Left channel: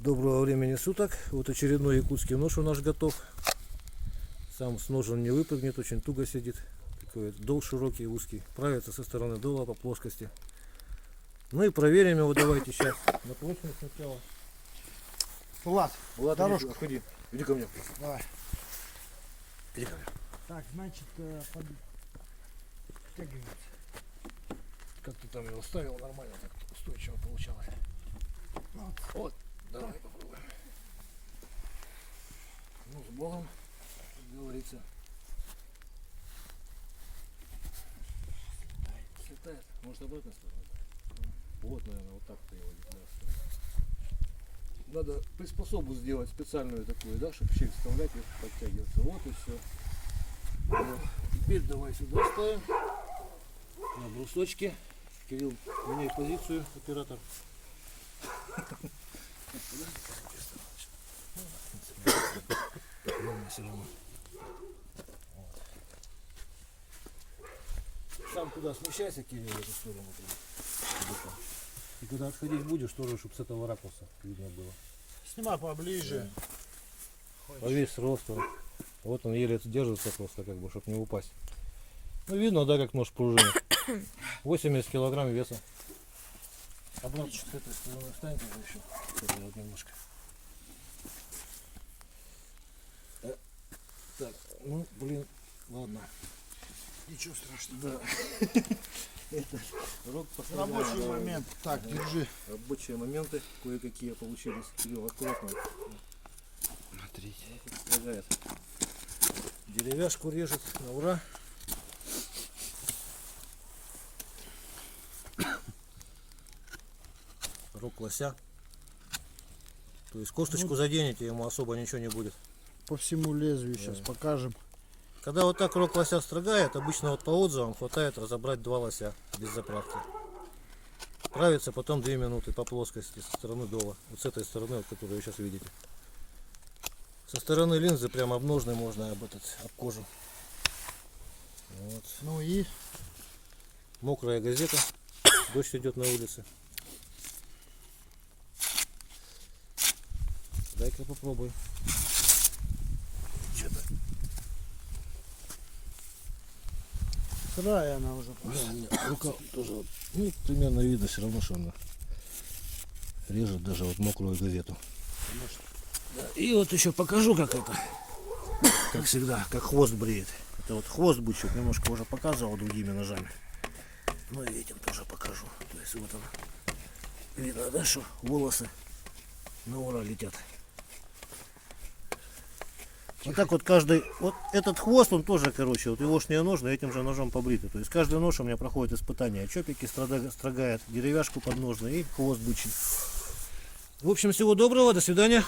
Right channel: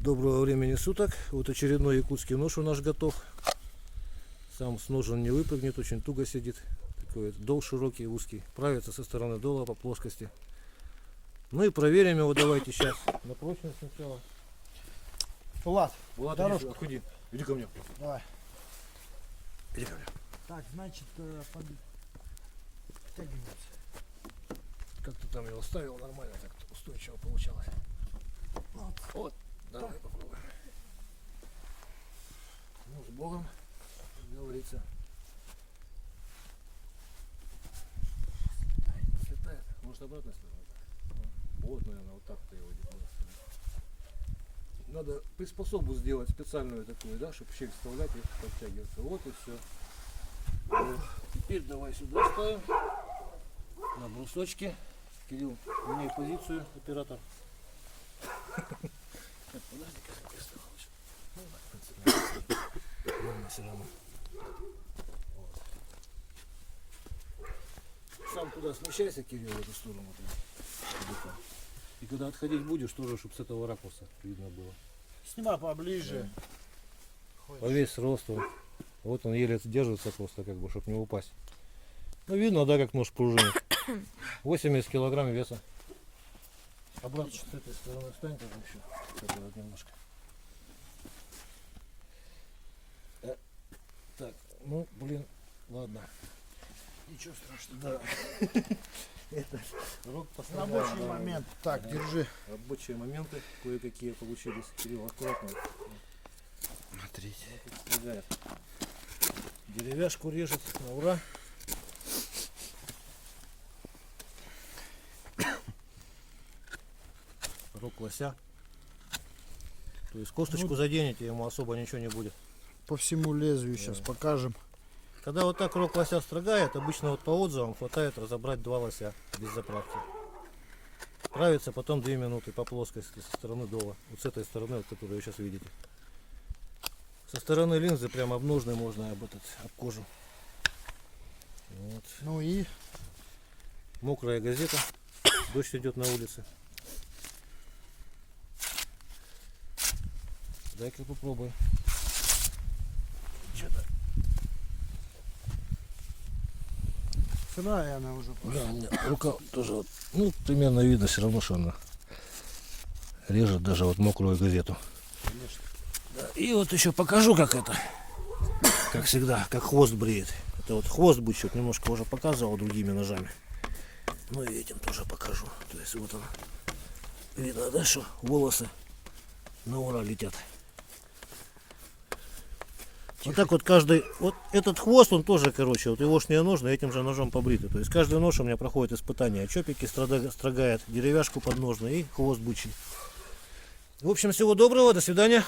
Доброго времени суток. Вот очередной якутский нож у нас готов. Сам с ножен не выпрыгнет, очень туго сидит. Такой дол широкий, узкий. Правится со стороны дола по плоскости. Ну и проверим его давайте сейчас. На прочность сначала. Влад, Влад, иди, иди ко мне. давай. Иди ко мне. Так, значит, подтягивается. Как ты там его ставил, нормально так устойчиво получалось. Вот, давай попробуем. Ну, с Богом, как говорится. Слетает. Может, обратной стороной? Вот, наверное, вот так-то его делать. Надо приспособу сделать специальную такую, да, чтобы щель вставлять и подтягиваться. Вот и все. Теперь давай сюда ставим. На брусочке. Кирилл, меняй позицию, оператор. Сам туда смещайся, Кирилл, в эту сторону. И когда отходить будешь, тоже, чтобы с этого ракурса видно было. Снимай поближе. По весь рост. Вот он еле держится просто, как бы, чтобы не упасть. Ну, видно, да, как нож пружинит. 80 килограмм веса. Обратно с этой стороны встань тоже еще. Это вот немножко. Так, ну, блин, ладно. Ничего страшного. Да. Это рог Рабочий момент. Так, держи. Рабочие моменты кое-какие получились. Кирилл, аккуратно. Смотрите. Деревяшку режет на ура. Рог лося. То есть косточку заденете, ему особо ничего не будет. По всему лезвию сейчас покажем. Когда вот так рог лося строгает, обычно вот по отзывам хватает разобрать 2 лося без заправки. Правится потом 2 минуты по плоскости со стороны дола. Вот с этой стороны, вот, которую вы сейчас видите. Со стороны линзы прямо об ножной можно об кожу. Вот. Ну и Мокрая газета. Дождь идет на улице. Давай-ка попробуем. Что-то. сырая она уже. Да, рука тоже вот, ну, примерно видно все равно, что она режет даже вот мокрую газету. Конечно. Да, и вот еще покажу, как это, как всегда, как хвост бреет. Это вот хвост бычок, немножко уже показывал другими ножами. Ну и этим тоже покажу. То есть вот он, видно, да, что волосы на ура летят. Вот так вот каждый, вот этот хвост, он тоже, короче, вот егошние ножны этим же ножом побриты. То есть каждый нож у меня проходит испытание. Чопики строгает, деревяшку под ножны и хвост бычий. В общем, всего доброго, до свидания.